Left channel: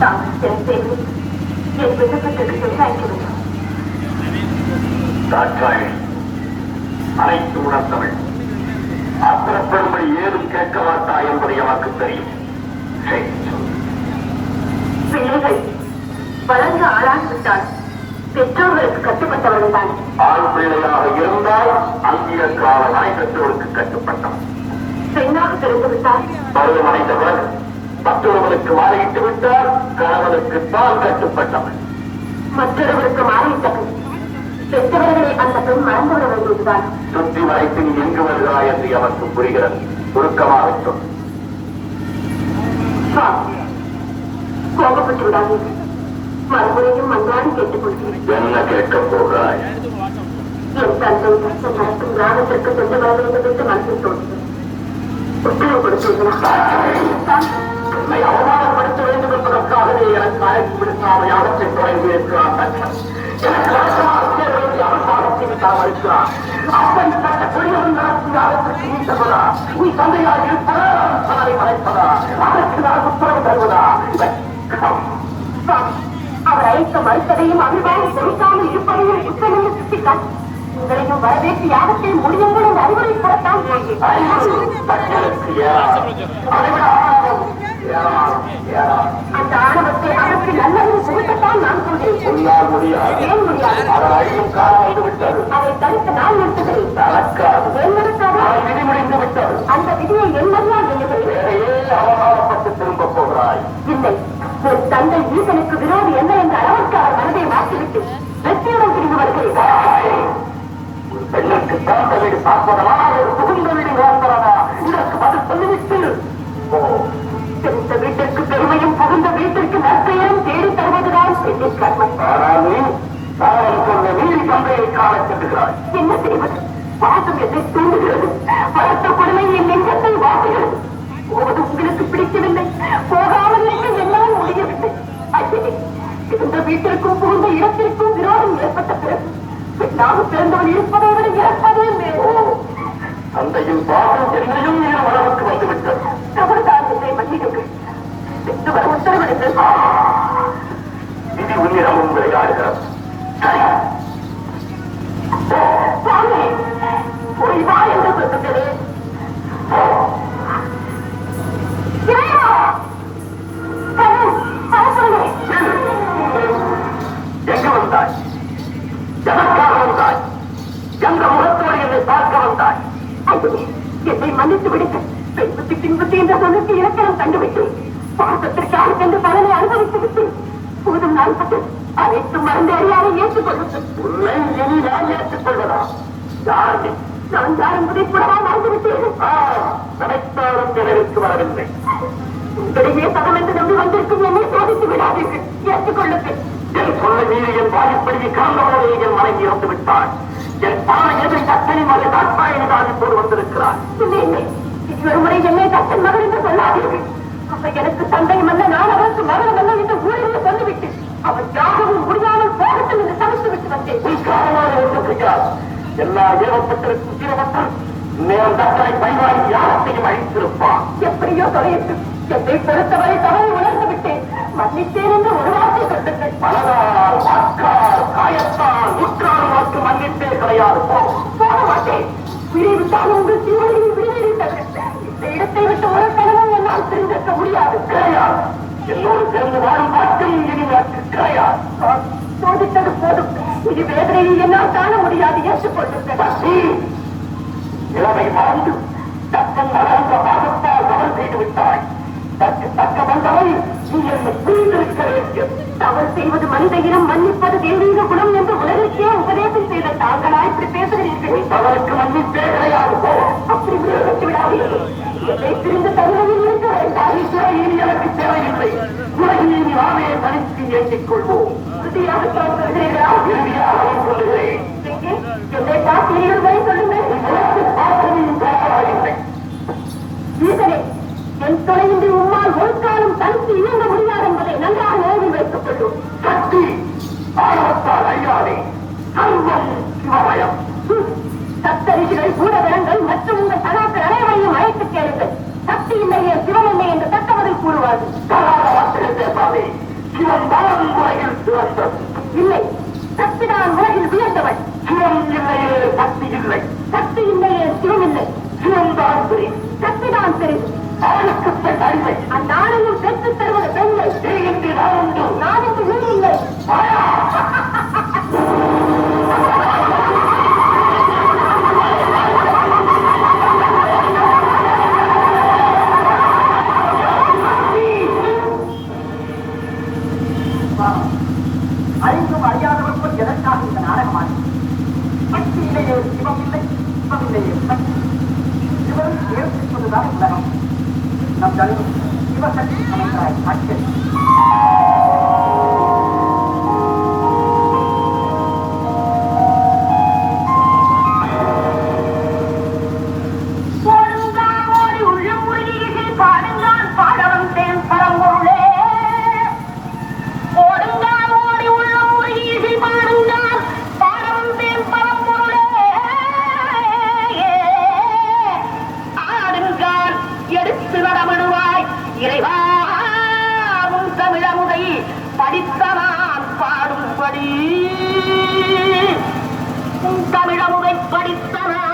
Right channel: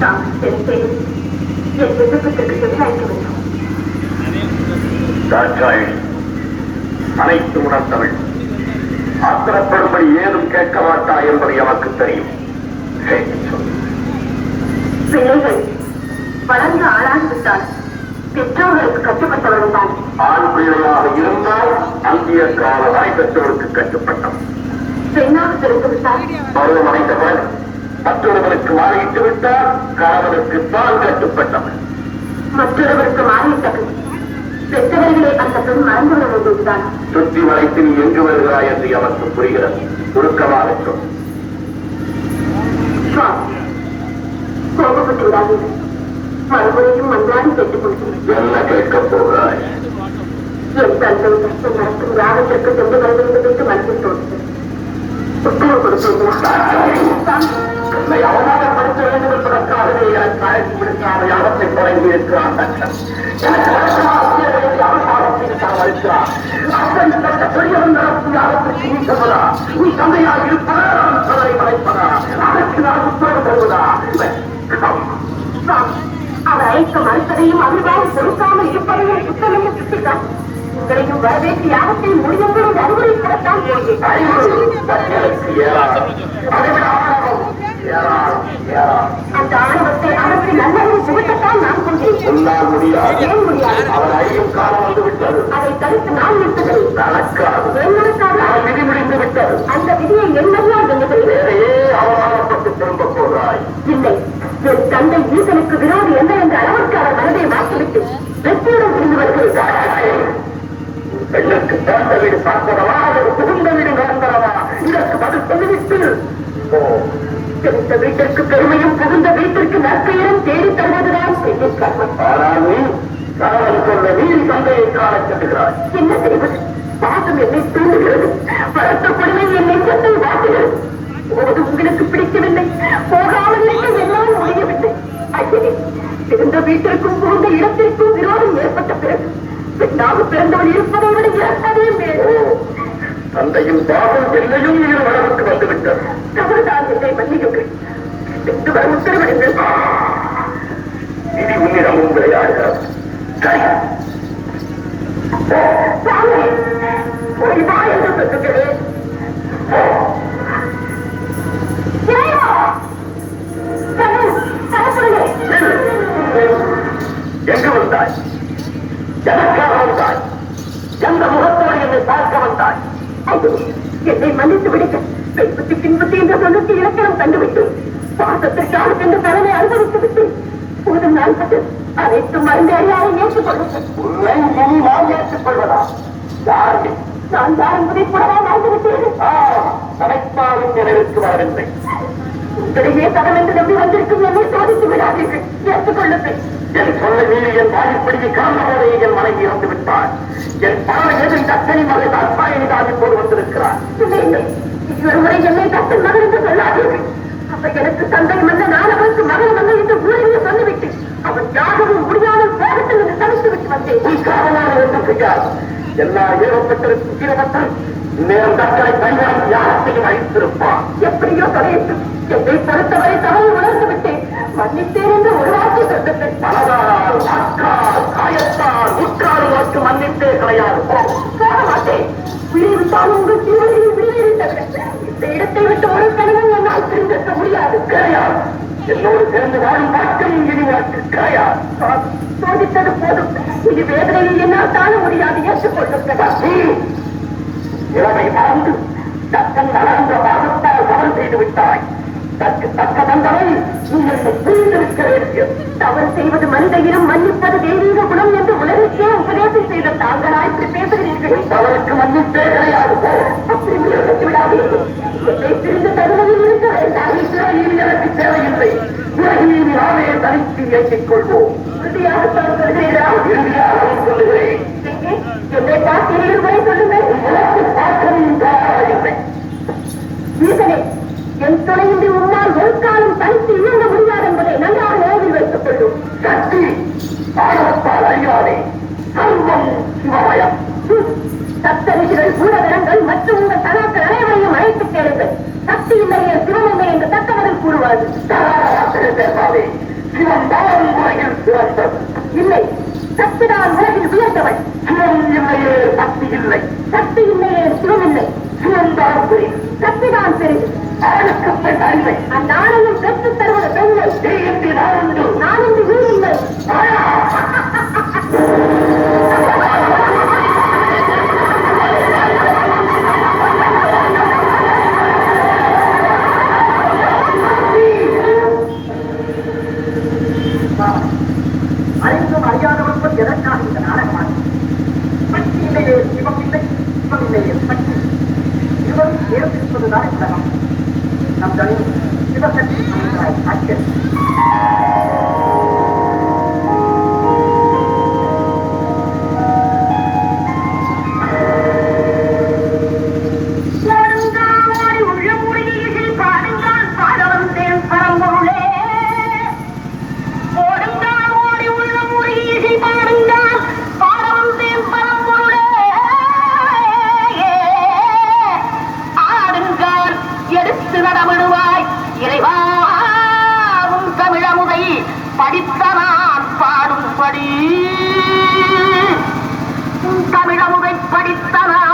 என் விண்ணப்பத்திற்கு செவிசாய்க்க வேண்டும். அனைத்து உணர்ந்தவள் ஆத்திரப்படும்படி ஏதும் கேட்க மாட்டா என்பது எனக்கு தெரியும். பிள்ளைகள் வளர்ந்து ஆளாகிவிட்டால் பெற்றோர்களுக்கு கட்டுப்பட்டவர்கள் தான். ஆண் பிள்ளையாக இருந்தால் அந்திய கால வரை பெற்றோருக்கு கட்டுப்பட்டவன். பெண்ணாக பிறந்துவிட்டால் பருவம் அடைந்தவன் மற்றொருவருக்கு மாறிவிட்டு விட்டால் கணவனுக்கு தான் கட்டுப்பட்டவன். மற்றொருவருக்கு மாறிவிட்டவன் பெற்றவர்களை அந்த பெண் மறந்துவிட வேண்டியதுதான். சுற்றி வளைத்து நீ எங்கு வருகிறாய் என்று அவருக்கு புரிகிறது. சுருக்கமாக சொல். கோபப்பட்டு விடாதீர்கள். மறுபடியும் மன்றாடி கேட்டுக் கொள்கிறேன். என்ன கேட்கப் போகிறாய்? என் தந்தை கஷ்டம் நடக்கும் கிராமத்திற்கு சென்று வர வேண்டும் என்று மனசில் தோன்றுகிறது. உத்தரவு கொடுத்தீர்களா? என்னை அவமானப்படுத்த வேண்டும் என்பதற்காகவே எனக்கு அழைப்பு விடுக்காத யாகத்தை குறைந்து இருக்கிறான். எனக்கு அவமானத்திற்காக அப்படிப்பட்ட பெரியவன் நடக்கும் யாகத்திற்கு நீ சொல்வதா? உன் தந்தையாக இருப்பதா? பலரை மறைப்பதா? அதற்கு நான் உத்தரவு தருவதா? அவர் அழைக்க மறுத்ததையும் அபிமானம் கொடுக்காமல் இருப்பதையும் குற்றமையை சுட்டிக்காட்டி உங்களையும் வரவேற்று யாகத்தை முடியுங்கள் என்று அறிவுரைப்படத்தான் அந்த ஆணவத்தை அகற்றி நல்லதும் புகட்டத்தான் நான் கொண்டேன். அதை தடுத்து நான் நிறுத்துகிறேன். அந்த விதியை என்னெல்லாம் அவமானப்பட்டு திரும்ப போகிறாய். இல்லை, என் தந்தை ஈசனுக்கு விரோதி என்ன என்ற அளவுக்கு அவர் மனதை மாற்றிவிட்டு வெற்றியுடன் புரிந்து வருகிறார். பெண்ணுக்கு பிறந்த வீடு பார்ப்பதவா ஒரு புகுந்த வீடு வாழ்ந்தவா? இதற்கு பதில் சொல்லிவிட்டு பிறந்த வீட்டிற்கு பெருமையும் புகுந்த வீட்டிற்கு நற்பெயரும் தேடி தருவதுதான் பெண்ணின் கர்மம். ஆனால் நீ கணவன் சொல்ல நீதி தந்தையை காண செல்கிறாய். என்ன செய்வது? பாசம் என்னை தூண்டுகிறது. வளர்த்த கொடுமை என் நெஞ்சத்தை வாட்டுகிறது. போவது உங்களுக்கு பிடிக்கவில்லை, போகாமல் என்னால் முடியவில்லை. ஐயே, பிறந்த வீட்டிற்கும் புகுந்த இடத்திற்கும் விரோதம் ஏற்பட்ட பிறகு பெண்ணாக பிறந்தவன் இருப்பதை விட இறப்பதே மேல். தந்தையின் பாவம் என்னையும் இரு வளவுக்கு வந்துவிட்டது. தவறுதான் என்னை மன்னியுங்கள். பெற்று வர உத்தரவிடுங்கள். விதி உன்னிடமும் விளையாடுகிறது. சாமி, போய் வா என்று சொல்லுகிறேன். எங்கு வந்தாய்? எனக்காக வந்தாய்? எந்த முகத்தோடு என்னை பார்க்க வந்தாய்? என்னை மன்னித்து விடுங்க. பெண்புத்தி பின்புத்தி என்ற சொல்லுக்கு இலக்கணம் கண்டுவிட்டேன். பாசத்திற்காக சென்று பலனை அனுபவித்து விட்டேன். போதும் நான் பட்டு அனைத்தும் மறந்து அறியாரை ஏற்றுக்கொள்ளுங்கள். உன்னை இனி நான் ஏற்றுக்கொள்வதா? யார் நீ? நான் யார் என்பதை கூடவா மறந்துவிட்டேன். நினைத்தாலும் நினைவுக்கு வரவில்லை. உங்களிடையே தகம் என்று நம்பி வந்திருக்கும் என்னை சோதித்து விடாதீர்கள். ஏற்றுக்கொள்ளுங்கள். என் சொல்ல மீறி என் வாய்ப்படியை காந்த போதே என் மனைவி இறந்து விட்டாள். என் பாவை எதிர் தத்தனை மகள் தாட்பாயனிதான் இப்போது வந்திருக்கிறார். இல்லை, இல்லை, ஒரு முறை என்னை தத்தன் மகள் என்று சொல்லாதீர்கள். அப்ப எனக்கு தந்தை மன்ன நான் அவருக்கு மகள் மன்ன என்று ஊரிலே சொல்லிவிட்டு அவன் யாகவும் முடியாமல் போகட்டும் என்று சமைத்து விட்டு வந்தேன். எல்லா ஏவப்பட்டிருக்கும் தீரப்பட்டம் நேரம் தக்கனை பயன்படுத்தி யாரத்தையும் அழித்திருப்பான். எப்படியோ தலையிட்டு என்னை பொறுத்தவரை தகவல் உணர்ந்து விட்டேன். மன்னித்தேன் என்று ஒரு வார்த்தை சொல்லுங்கள். மனதால், வாக்கால், காயத்தால், உற்றாறு வாக்கு மன்னித்தே கிடையாது. போக மாட்டேன். விடுவிட்டால் உங்கள் ஜீவனையில் விடுவித்தவர்கள் இந்த இடத்தை விட்டு ஒரு கணவன் என்னால் பிரிந்திருக்க முடியாது. கிடையாது. என்னோடு சேர்ந்து வாழும் வாக்கையும் இனிவாக்கு கிடையாது. சோதித்தது போதும். இது வேதனையை என்னால் தாழ முடியாது. ஏற்றுக்கொள்ளுங்கள். இளமை வாழ்ந்து தத்தன் வளர்ந்த பாகத்தால் தவறு செய்து விட்டாய். தக்கு தக்க வந்தவை நீ என்னை புரிந்திருக்க வேண்டும். தவறு செய்வது மனித இனம், மன்னிப்பது தெய்வீக குணம் என்று உலகிற்கே உபதேசம் செய்த தாங்களா இப்படி பேசுகிறீர்கள். தவறுக்கு மன்னிப்பே கிடையாது. அப்படி முயற்சி விடாதீர்கள். என்னை பிரிந்த தகுதியில் இருக்க வேண்டாம். எனக்கு தேவையில்லை. உலகில் நாமே தனித்து இயக்கிக் கொள்வோம். உறுதியாகத்தான் சொல்கிறீர்களா? இறுதியாக சொல்லுகிறேன். என்னை பார்த்தீர்கள் வரை சொல்லுங்கள். ஈசனே, என் துணையின்றி உம்மால் ஒரு காலம் தனித்து இயங்க முடியாது என்பதை நன்றாக நினைவில் வைத்துக் கொள்ளும். சக்தி ஆணவத்தால் அறியாதே. கல்வம் சிவமயம். சப்தரிஷிகள், பூரகணங்கள் மற்றும் உங்கள் சனாக்கள் அனைவரையும் அழைத்துக் கேளுங்கள். சக்தி இல்லையே சிவன் இல்லை என்று தக்கவரை கூறுவார்கள். பேசாதே. சிவன்தான் உலகில் சிறந்தது. இல்லை, சக்திதான் உலகில் உயர்ந்தவள். சிவம் இல்லையே சக்தி இல்லை, சக்தி இல்லையே சிவம் இல்லை. சிவம்தான் பெரிய சக்திதான் பெரிது. ஆளுக்கு பெண் அறிவை அந்த ஆணையும் பெற்றுத் தருவது பெண்மை. நீ என்று நான் உண்டு. நான் என்று நீ இல்லை. அறிந்தும் அறியாதவர்கள் எதற்காக இந்த நாடகமானது? சக்தி இல்லையே சிவம் இல்லை, சிவம் இல்லையே சக்தி. சிவம் ஏற்படுத்துவதுதான் உலகம். நம் தலைவர் சிவசக்தி அமைந்தாய் அச்சல். ஓடுங்காமோடி உள்ளுமுடியில் பாடுங்கால் பாடவன் தேன் பரம்பொருளே. ஓடுங்காமோடி உள்ளுமுடியில் பாடுங்கால் பாடவன் தேன் பரம்பொருளே. ஆடுங்கால் எடுத்து நடமிடுவாய் இறைவாவும் தமிழமுதை படித்த நான் பாடும்படி தமிழமுதை படித்த நான்